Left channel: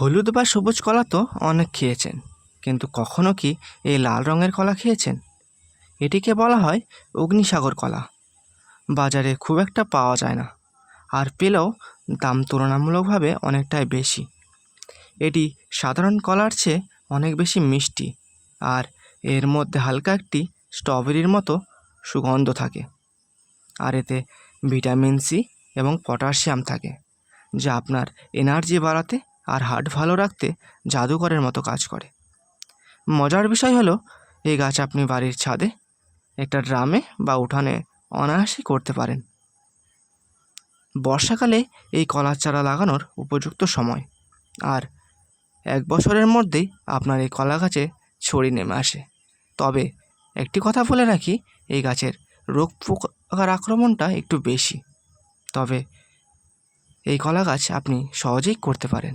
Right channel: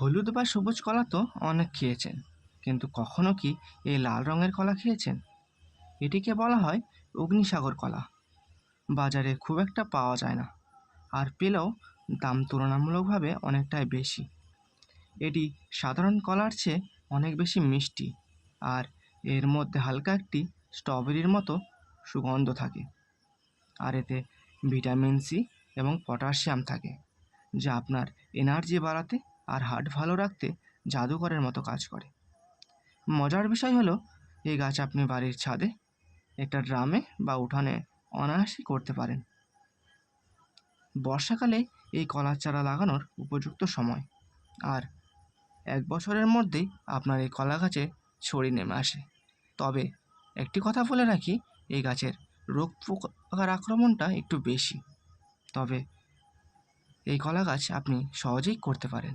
হলুদ বা সবুজ কলা তো অনেক খেয়েছেন, কিন্তু কখনো কি এই লাল রঙের কলা খেয়েছেন? এটিকে বলা হয় অগ্নিসাগর কলা। বাজারে খুব একটা পাওয়া যায় না, আর পেলেও দাম তুলনামূলকভাবে অনেকটাই বেশি। এটি সাধারণ কলার চেয়ে অনেক বেশি মিষ্টি, আর এর মধ্যে হালকা একটি স্ট্রবেরির মতো সুগন্ধ থাকে। আর এতে ভিটামিন সি এবং পটাশিয়াম থাকে, যা আপনার এনার্জি বাড়াতে আর হার্ট ভালো রাখতে জাদুকরের মতো কাজ করে। মজার বিষয় হলো, এই গাছ আপনি বাড়ির ছাদে, একটা ড্রামে বা উঠানে অনায়াসেই করতে পারেন। বর্ষাকালে এই কলার চারা লাগানোর উপযুক্ত সময়, আর 1 বছরের মধ্যেই আপনার এই কলা গাছে ছড়ি নেমে আসে। তবে একটি কথা বলে রাখি, এই গাছের রোগ পোকার আক্রমণটা একটু বেশি। তবে এই কলা গাছ আপনি সহজেই করতে পারেন।